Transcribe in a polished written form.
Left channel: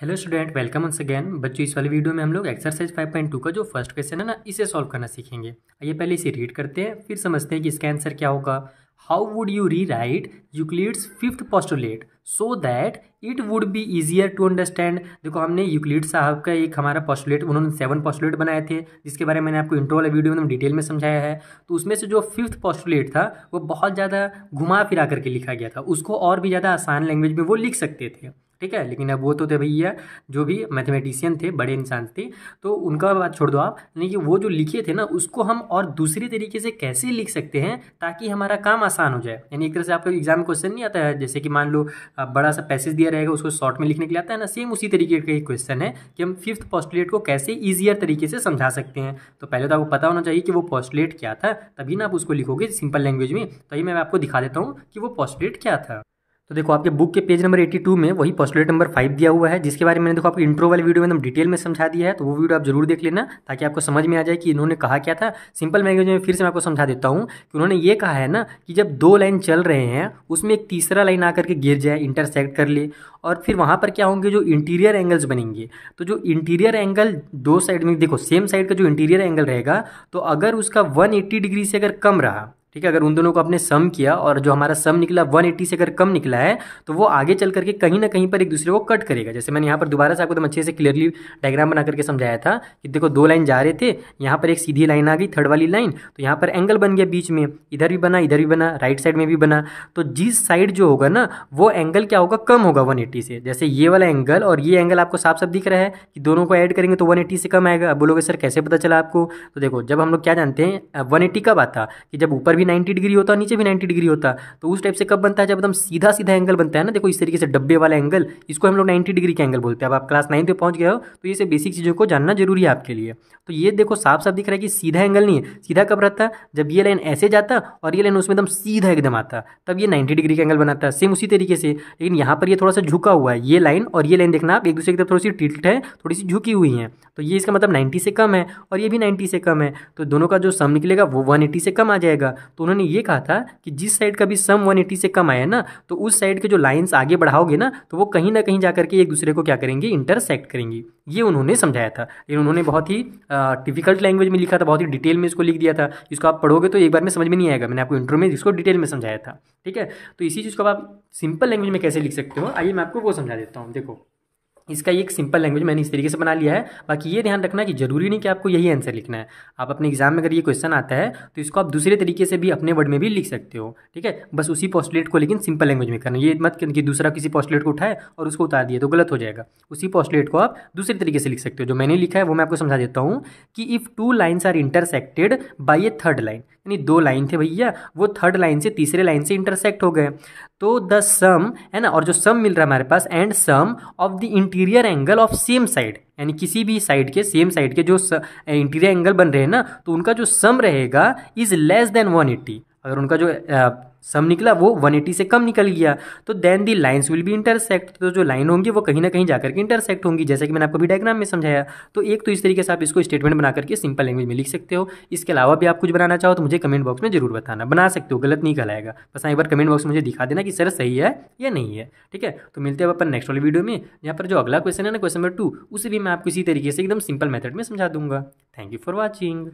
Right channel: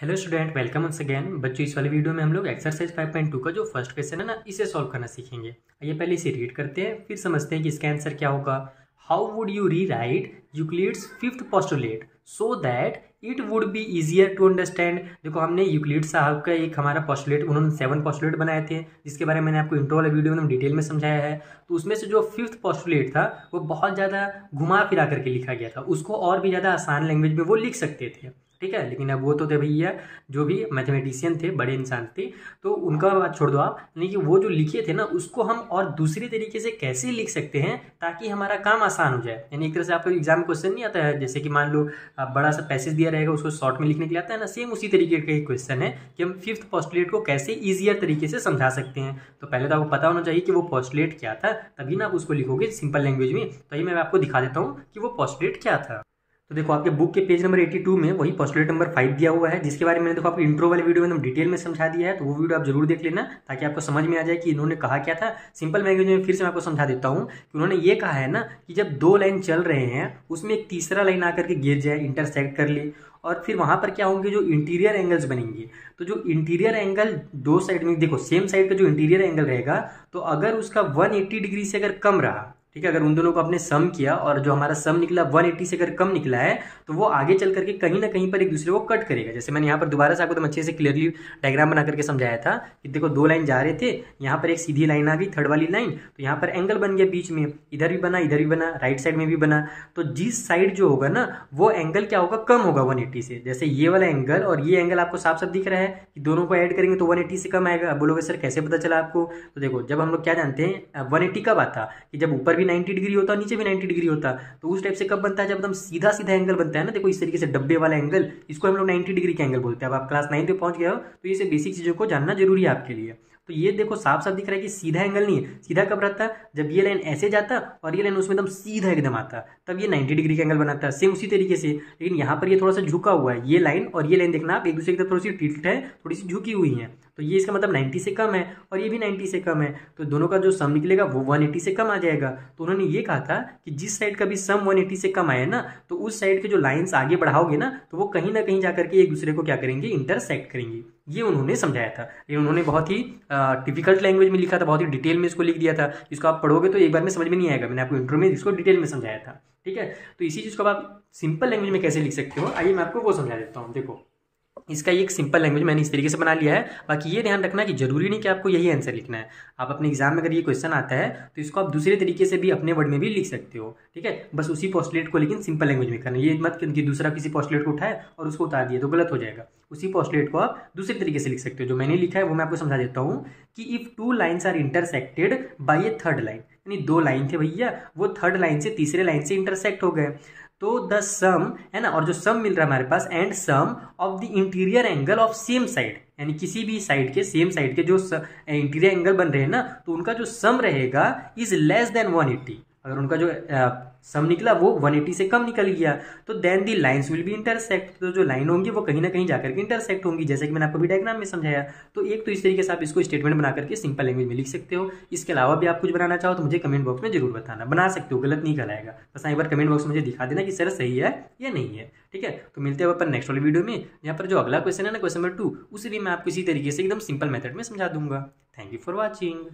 Hello student, welcome once again. बच्चों, इस वाले वीडियो में हम लोग एक्सरसाइज 5.2 का जो फर्स्ट क्वेश्चन है ना, इसे सॉल्व करना सीखेंगे। आइए पहले इसे रीड करते हैं, फिर समझते हैं कि इसका आंसर क्या होगा। How would you rewrite Euclid's fifth postulate so that it would be easier to understand. देखो, हमने यूक्लिड साहब का एक हमारा पोस्टुलेट, उन्होंने 7 पोस्टुलेट बनाए थे, जिसके बारे में मैंने आपको इंट्रो वाले वीडियो में डिटेल में समझाया है। तो उसमें से जो फिफ्थ पोस्टुलेट था वो बहुत ज़्यादा घुमा फिरा करके लिखा गया था, उसको और भी ज़्यादा आसान लैंग्वेज में वो लिख सकते थे। ठीक है, लेकिन अब वो तो थे भैया जो भी मैथमेटिशियन थे, बड़े इंसान थे, तो उनका बात छोड़ दो आप। यानी कि वो जो लिखे थे ना, उसको हम और दूसरे तरीके से कैसे लिख सकते हैं ताकि हमारा काम आसान हो जाए। यानी एक तरह से आपको एग्जाम में क्वेश्चन नहीं आता है, जैसे कि मान लो बड़ा सा पैसेज दिया रहेगा, उसको शॉर्ट में लिखने के लिए आता है ना, सेम उसी तरीके का एक क्वेश्चन है कि हम फिफ्थ पोस्टुलेट को कैसे ईजियर तरीके से समझा सकते हैं। तो पहले तो आपको पता होना चाहिए कि वो पोस्टुलेट क्या था, तभी ना आप उसको लिखोगे सिंपल लैंग्वेज में। तो ये मैं आपको दिखा देता हूँ कि वो पोस्टुलेट क्या था। तो देखो, आपके बुक के पेज नंबर 82 में वही पोस्टुलेट नंबर 5 दिया हुआ है, जिसके बारे में मैंने देखो आपको इंट्रो वाले वीडियो में एकदम डिटेल में समझा दिया है। तो वो वीडियो आप जरूर देख लेना ताकि आपको समझ में आ जाए कि इन्होंने कहा क्या था। सिंपल लैंग्वेज में फिर से मैं आपको समझा देता हूँ कि उन्होंने ये कहा है ना कि जब दो लाइन चल रहे हैं, उसमें एक तीसरा लाइन आकर के गिर जाए, इंटरसेक्ट कर ले, और फिर वहां पर क्या होंगे, जो इंटीरियर एंगल्स बनेंगे। तो जो इंटीरियर एंगल दो साइड में, देखो सेम साइड का जो इंटीरियर एंगल रहेगा, तो अगर उसका 180 डिग्री से अगर कम रहा, ठीक है, अगर उन दोनों को आपने सम किया और जो हमारा सम निकला 180 से अगर कम निकला है, तो वो आगे चल करके कहीं ना कहीं पर एक दूसरे को कट करेगा। जैसे मैंने यहाँ पर दोबारा से आपको एकदम अच्छे से क्लियरली डायग्राम बना करके समझाया था कि देखो दो लाइन जा रहे थे, यहाँ पर एक सीधी लाइन आ गई, थर्ड वाली लाइन, तो यहाँ पर एंगल बन गया बीच में, इधर भी बना, इधर भी बना, राइट साइड में भी बना। तो जिस साइड जो होगा ना, वो एंगल क्या होगा, कम होगा 180 से। जैसे ये वाला एंगल और ये एंगल आपको साफ साफ दिख रहा है कि दोनों को ऐड करेंगे तो 180 से कम आएगा। अब बोलोगे सर कैसे पता चला आपको? तो देखो, जब हम लोग क्या जानते हैं 180 कब आता कि जब ऊपर भी 90 डिग्री होता है, नीचे भी 90 डिग्री होता। तो उस टाइप से कब बनता है, जब एकदम सीधा सीधा एंगल बनता है ना। देखो इस तरीके से डब्बे वाला एंगल, इसको हम लोग 90 डिग्री का एंगल बोलते हैं। अब आप क्लास 9 पे पहुंच गए हो तो ये से बेसिक चीज़ों को जानना जरूरी है आपके लिए। तो ये देखो साफ साफ दिख रहा है कि सीधा एंगल नहीं है। सीधा कब रहता है, जब ये लाइन ऐसे जाता और ये लाइन उसमें एकदम सीधा एकदम आता, तब ये 90 डिग्री का एंगल बनाता है। सेम उसी तरीके से, लेकिन यहाँ पर ये थोड़ा सा झुका हुआ है। ये लाइन और ये लाइन देखना आप, एक दूसरे की तरफ थोड़ी सी टिल्ट है, थोड़ी सी झुकी हुई है। तो ये इसका मतलब 90 से कम है और ये भी 90 से कम है, तो दोनों का जो सम निकलेगा वो 180 से कम आ जाएगा। तो उन्होंने ये कहा था कि जिस साइड का भी सम 180 से कम आया ना, तो उस साइड के जो लाइंस आगे बढ़ाओगे ना, तो वो कहीं ना कहीं जाकर के एक दूसरे को क्या करेंगे, इंटरसेक्ट करेंगी। ये उन्होंने समझाया था, लेकिन उन्होंने बहुत ही डिफिकल्ट लैंग्वेज में लिखा था, बहुत ही डिटेल में इसको लिख दिया था। इसको आप पढ़ोगे तो एक बार में समझ में नहीं आएगा। मैंने आपको इंट्रो में इसको डिटेल में समझाया था, ठीक है। तो इसी चीज़ को आप सिंपल लैंग्वेज में कैसे लिख सकते हो, आइए मैं आपको वो समझा देता हूँ। देखो, इसका एक सिंपल लैंग्वेज मैंने इस तरीके से बना लिया है। बाकी ये ध्यान रखना कि जरूरी नहीं कि आपको यही आंसर लिखना है। आप अपने एग्जाम में अगर ये क्वेश्चन आता है तो इसको आप दूसरे तरीके से भी अपने वर्ड में भी लिख सकते हो, ठीक है। बस उसी पोस्टुलेट को लेकिन सिंपल लैंग्वेज में करना। ये मत कि दूसरा किसी पोस्टुलेट को उठाए और उसको उतार दिए, तो गलत हो जाएगा। उसी पोस्टुलेट को आप दूसरे तरीके से लिख सकते हो। जो मैंने लिखा है वो मैं आपको समझा देता हूँ कि if two lines are intersected by a third line, यानी दो लाइन थे भैया, वो थर्ड लाइन से तीसरे लाइन से इंटरसेक्ट हो गए, तो द सम है ना, और जो सम मिल रहा है हमारे पास, and sum of the interior angle of same side, यानी किसी भी साइड के, सेम साइड के जो इंटीरियर एंगल बन रहे हैं ना, तो उनका जो सम रहेगा इज लेस देन 180। अगर उनका जो सम निकला वो 180 से कम निकल गया, तो then the lines will be intersect. तो जो लाइन होंगी वो कहीं ना कहीं जाकर के इंटरसेक्ट होंगी, जैसे कि मैंने आपको भी डायग्राम में समझाया। तो एक तो इस तरीके से आप इसको स्टेटमेंट बना करके सिंपल लैंग्वेज में लिख सकते हो। इसके अलावा भी आप कुछ बनाना चाहो तो मुझे कमेंट बॉक्स में जरूर बताना, बना सकते हो, गलत नहीं कहलाएगा। बस एक बार कमेंट बॉक्स में मुझे दिखा देना कि सर सही है या नहीं है, ठीक है। तो मिलते हैं अपन नेक्स्ट वाले वीडियो में, यहाँ पर जो अगला क्वेश्चन है ना, क्वेश्चन नंबर 2, उसे भी मैं आपको इसी तरीके से एकदम सिंपल मेथड में समझा दूंगा। Thank you for watching.